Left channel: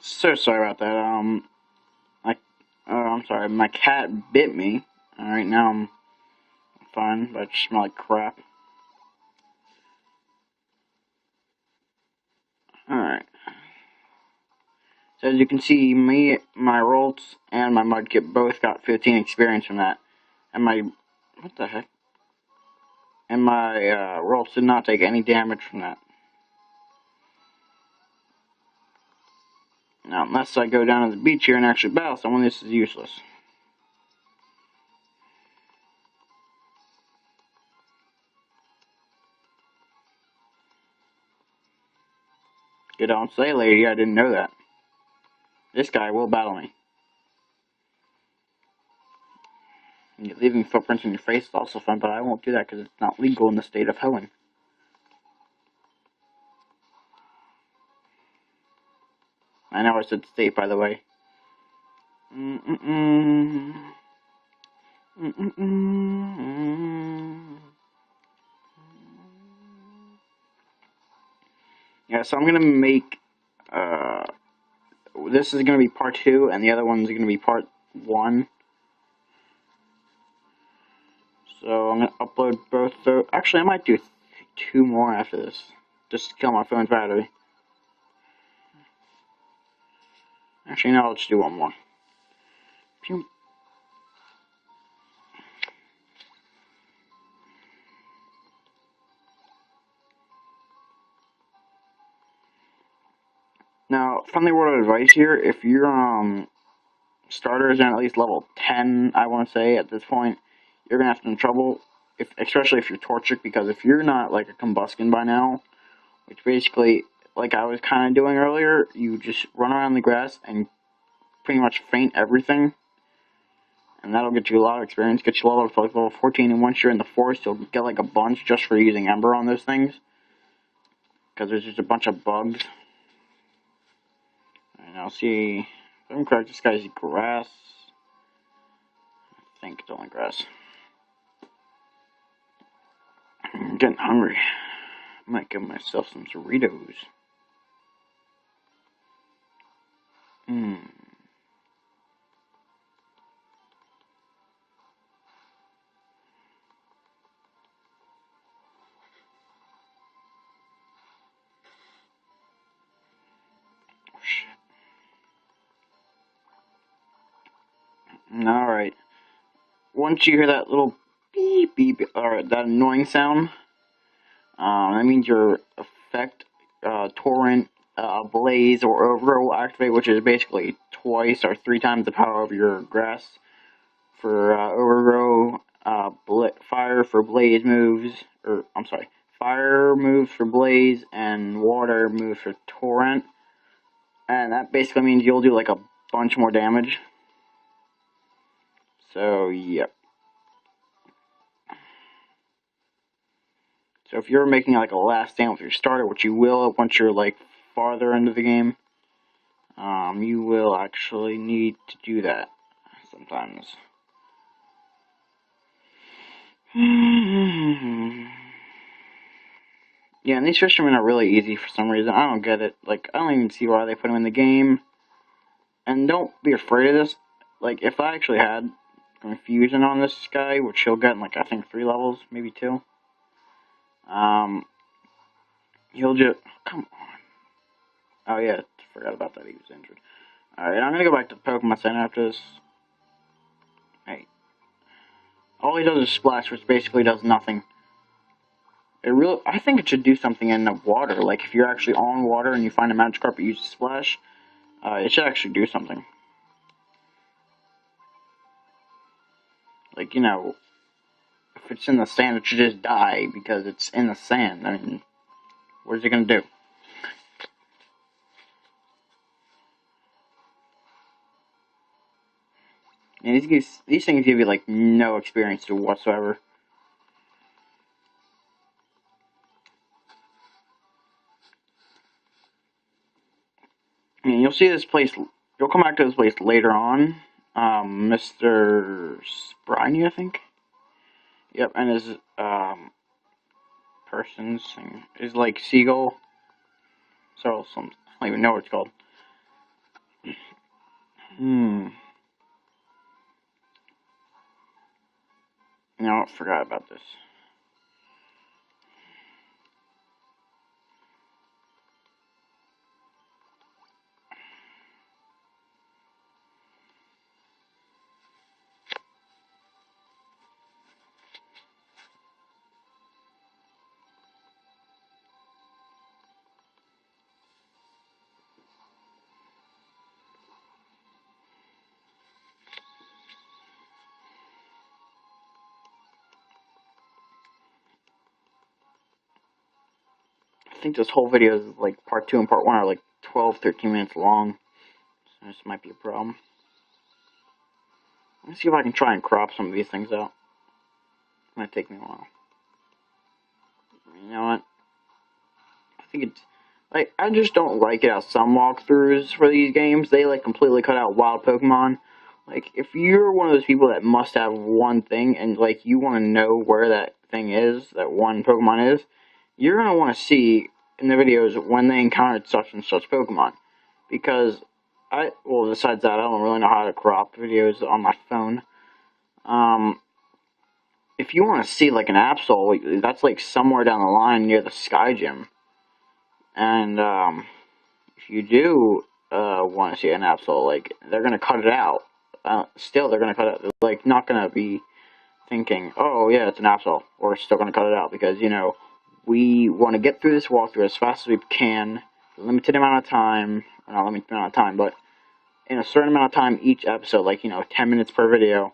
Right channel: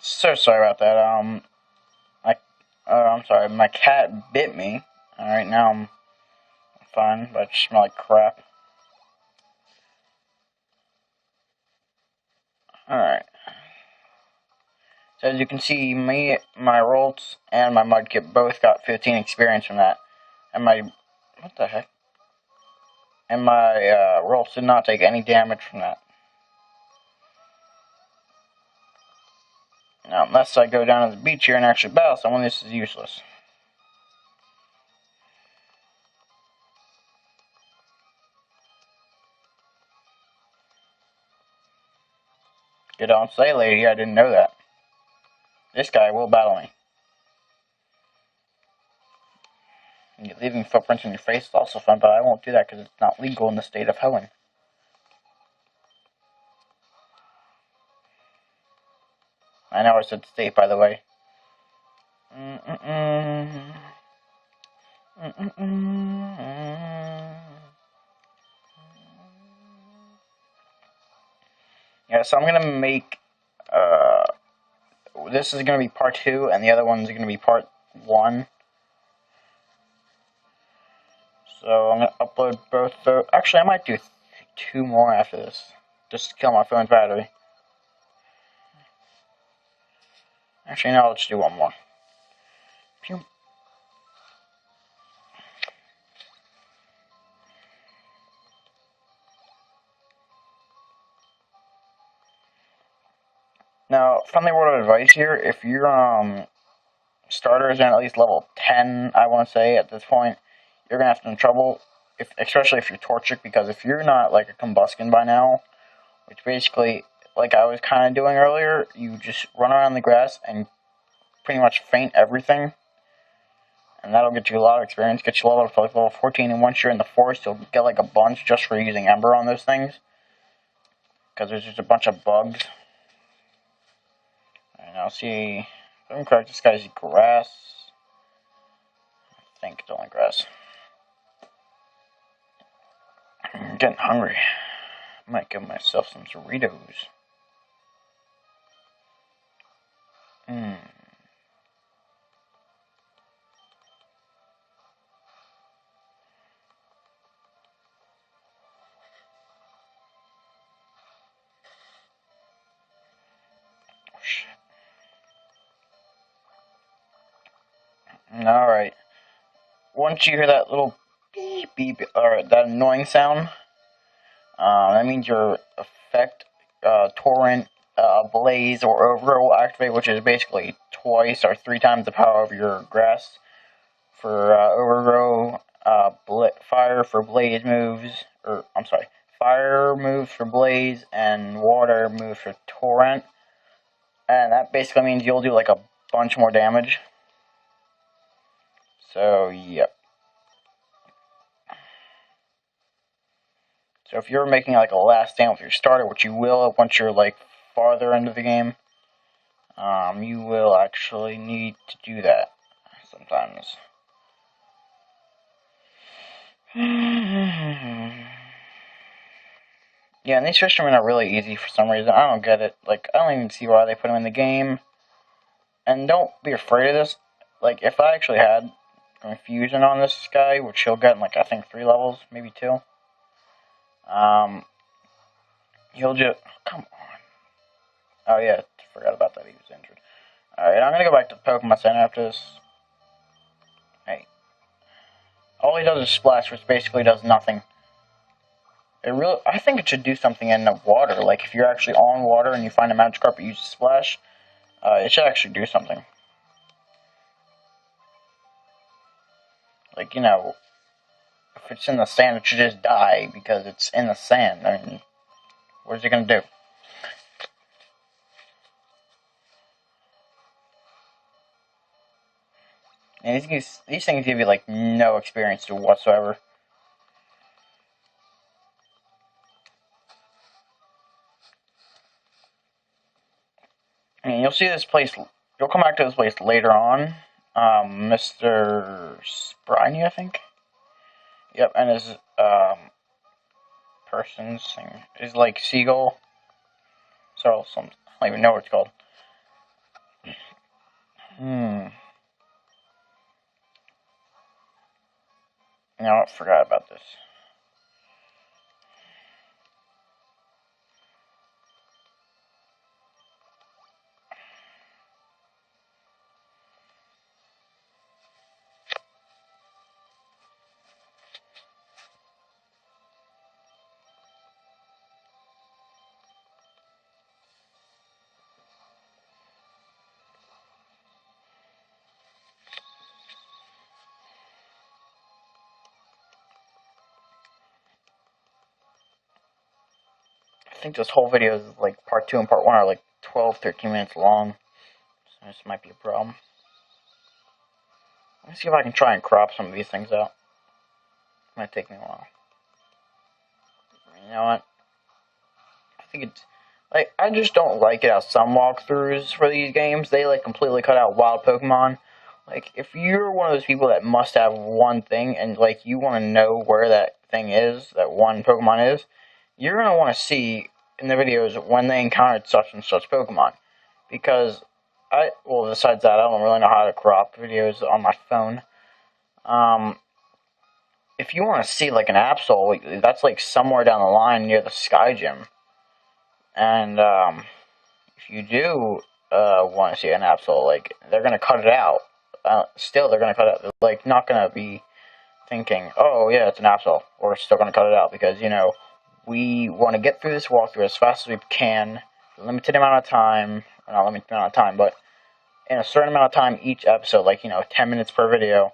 So sorry about that. I'm sorry. My cat bit me. All right, now I'm fine, but I just smell like crap. All right. So as you can see, my Rolts, and my Mudkip both got 15 experience from that, and my what the heck? And my Rolts did not take any damage from that. Now, unless I go down to the beach here and actually battle someone, this is useless. You don't say, lady. I didn't know that. This guy will battle me. Leaving footprints in your face is also fun, but I won't do that because it's not legal in the state of Helen. I know I said state, by the way. Yeah, so I'm gonna make. This is gonna be part 2, and the other one's gonna be part 1. So I'm gonna upload both. Actually, I might do 2 more after this, just to kill my phone's battery. Actually, no, I'll just do 1 more. Pew. Now, friendly word of advice here: if your starters are at least level 10, I want to say at this point, you're gonna have some trouble, especially if you're torchic, because if you're not like a combustion by now, which basically, like I was kind of doing earlier, you just run around the grass and pretty much faint everything, and that'll get you a lot of experience, get you level to like level 14, and once you're in the forest, you'll get like a bunch just for using Ember on those things, because there's just a bunch of bugs. And I'll see, if I'm correct, this guy's grass. I think it's only grass. I'm getting hungry. I might give myself some Doritos. Hmm. Oh, shit. Alright. Once you hear that little beep beep, or that annoying sound, that means your effect, torrent, blaze, or overgrow will activate, which is basically twice or 3 times the power of your grass. For overgrow, fire for blaze moves, or I'm sorry, fire moves for blaze, and water moves for torrent. And that basically means you'll do like a bunch more damage. So, yep. So if you're making like a last stand with your starter, which you will once you're like farther into the game, you will actually need to do that sometimes. Yeah, and these fishermen are really easy for some reason. I don't get it. Like, I don't even see why they put them in the game. And don't be afraid of this. Like, if I actually had confusion on this guy, which he'll get in like I think 3 levels, maybe 2. He'll just come on. Oh yeah, forgot about that. He was injured. All right, I'm gonna go back to the Pokemon Center after this. Hey, all he does is splash, which basically does nothing. I think it should do something in the water. Like if you're actually on water and you find a Magikarp, you use splash. It should actually do something. Like if it's in the sand, it should just die because it's in the sand. I mean, what is it gonna do? And these things give you like no experience to whatsoever. I mean, you'll see this place. You'll come back to this place later on. Mr. Spriney, I think. Yep, and his person's thing is like seagull. So I don't even know what it's called. No, I forgot about this. I think this whole video is like part 2 and part 1 are like 12, 13 minutes long. So this might be a problem. Let me see if I can try and crop some of these things out. It might take me a while. You know what? I think it's like I just don't like it how some walkthroughs for these games they like completely cut out wild Pokemon. Like if you're one of those people that must have one thing and like you want to know where that thing is, that one Pokemon is, you're gonna want to see in the videos when they encountered such and such Pokemon. Because besides that, I don't really know how to crop videos on my phone. If you want to see like an Absol, that's like somewhere down the line near the Sky Gym. And if you do want to see an Absol, like they're gonna cut it out. Still, they're gonna cut it. They're, like not gonna be thinking, "Oh yeah, it's an Absol." We're still gonna cut it out because we want to get through this walkthrough as fast as we can, limited amount of time, or not limited amount of time, but in a certain amount of time each episode, like 10 minutes per video.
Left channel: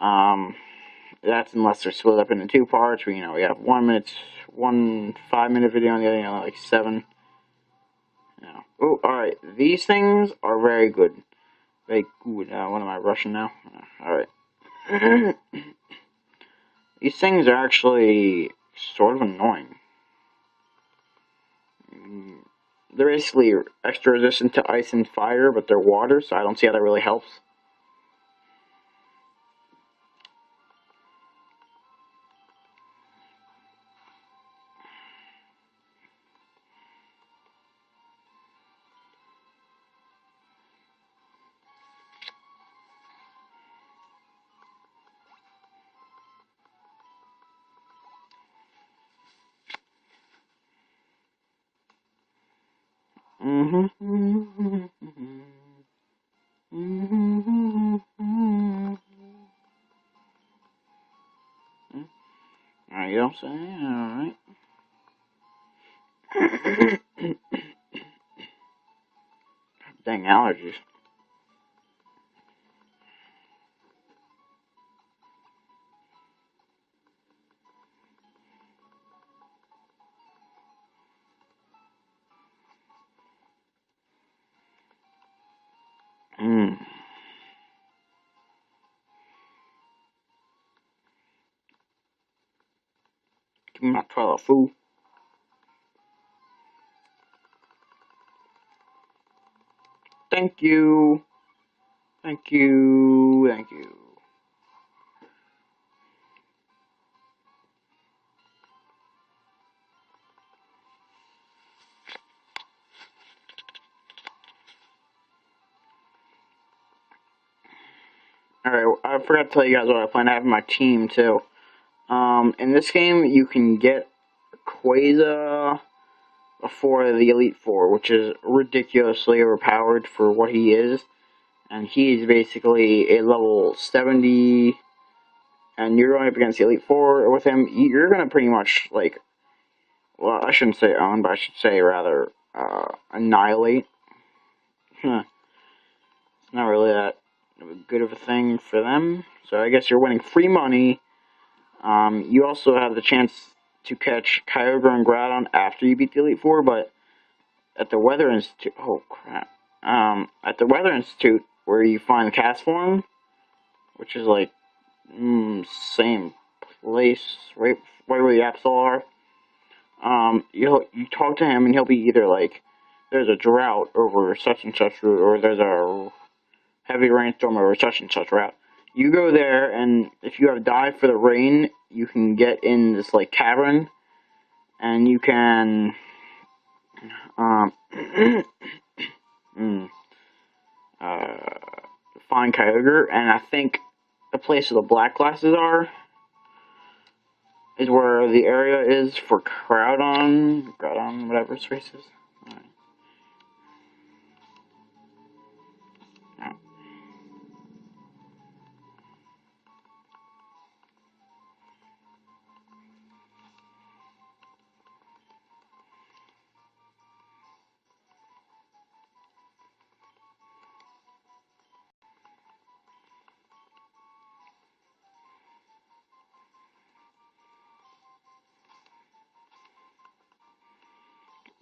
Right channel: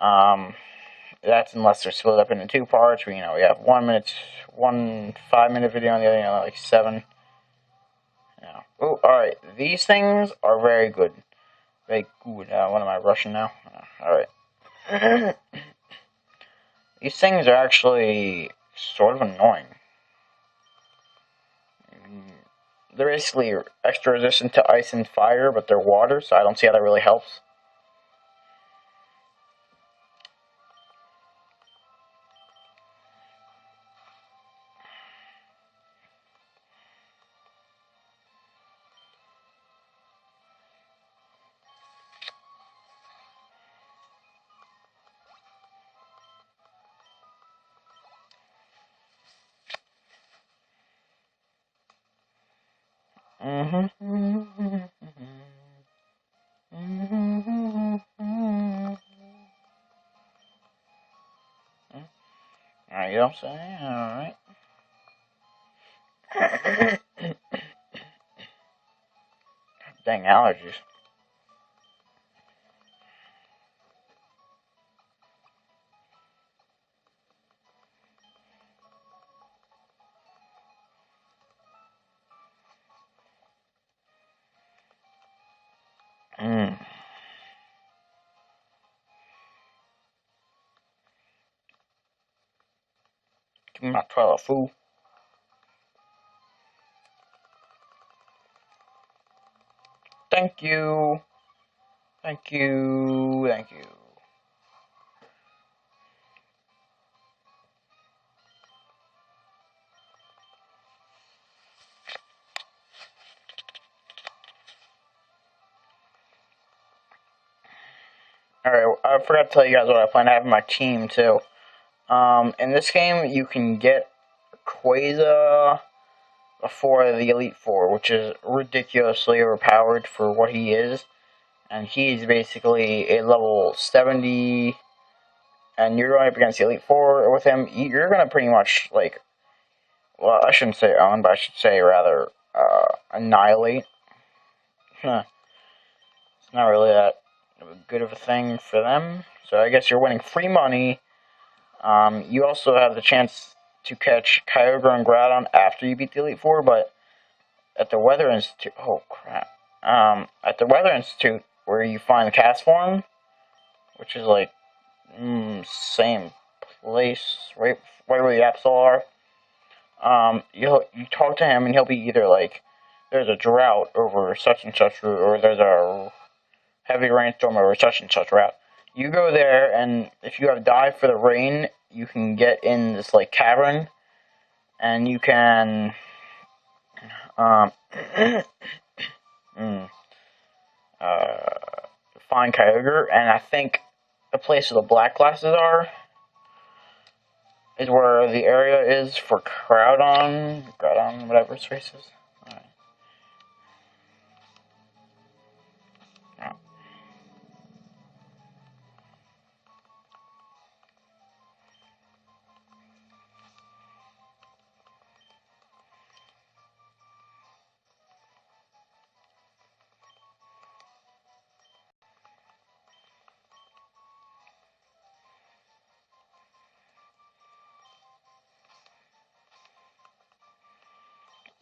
That's unless they're split up into 2 parts. We have 1 5-minute video on the other, like 7. Oh, alright. These things are very good. Very good. What am I rushing now? Alright. These things are actually sort of annoying. They're basically extra resistant to ice and fire, but they're water, so I don't see how that really helps. Alright, you don't say? Alright. Dang allergies. Give me my toilet food. Thank you. Thank you. Thank you. Alright, I forgot to tell you guys what I plan to have in my team, too. In this game, you can get Quasar before the Elite Four, which is ridiculously overpowered for what he is. And he's basically a level 70, and you're going up against the Elite Four with him. You're going to pretty much, like, well, I shouldn't say own, but I should say rather annihilate. It's not really that good of a thing for them. So I guess you're winning free money. You also have the chance to catch Kyogre and Groudon after you beat the Elite Four, but at the Weather Institute, oh crap, at the Weather Institute, where you find the cast form, which is like, same place, right where the Absol are, you talk to him and he'll be either like, there's a drought over such and such route, or there's a heavy rainstorm over such and such route. You go there, and if you have dive for the rain, you can get in this like cavern, and you can find Kyogre, and I think the place where the black glasses are is where the area is for Groudon, whatever its race is. Alright.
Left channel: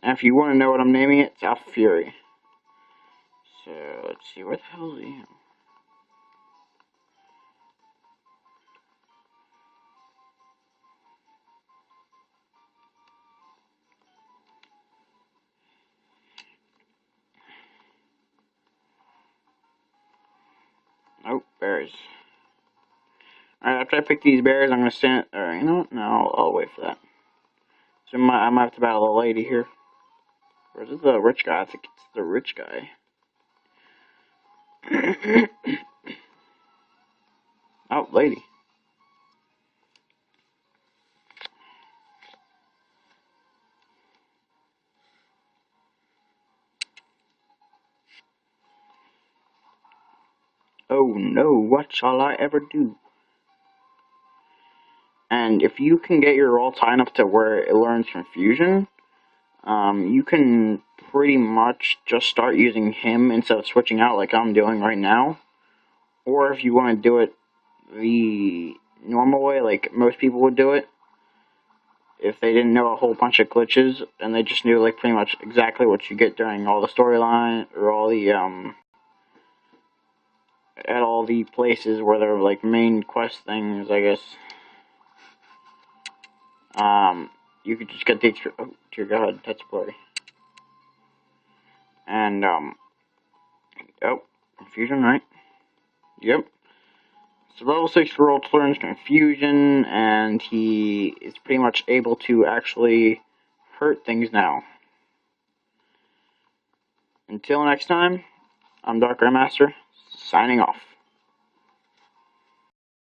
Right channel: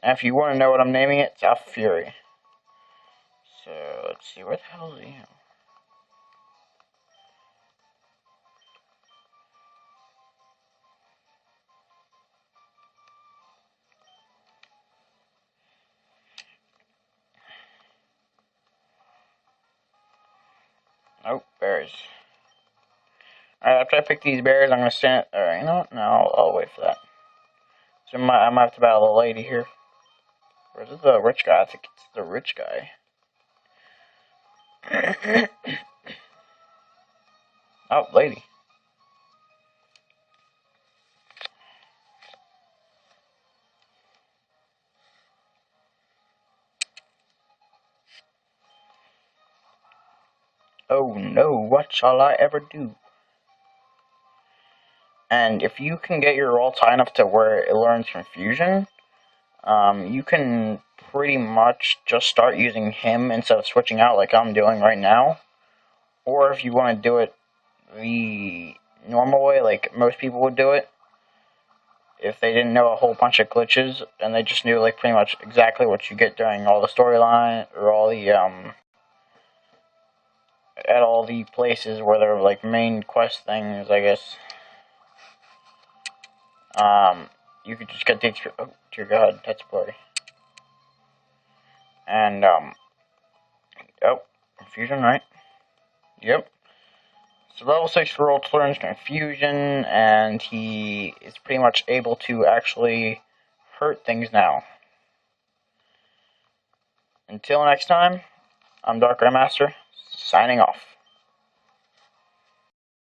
And if you want to know what I'm naming it, it's Alpha Fury. So, let's see, where the hell is he? Oh, berries. Alright, after I pick these berries, I'm going to stand... Alright, you know what? No, I'll wait for that. So I might have to battle the lady here. Or is it the rich guy? I think it's the rich guy. Oh, lady. Oh no, what shall I ever do? And if you can get your roll high enough to where it learns Confusion, you can pretty much just start using him instead of switching out like I'm doing right now. Or if you want to do it the normal way, like most people would do it, if they didn't know a whole bunch of glitches and they just knew like pretty much exactly what you get during all the storyline or all the at all the places where they're like main quest things, I guess. You could just get the oh dear god, that's blurry. And oh, Confusion, right? Yep. So level 6 Geralt learns Confusion, and he is pretty much able to actually hurt things now. Until next time, I'm Dark Grandmaster, signing off.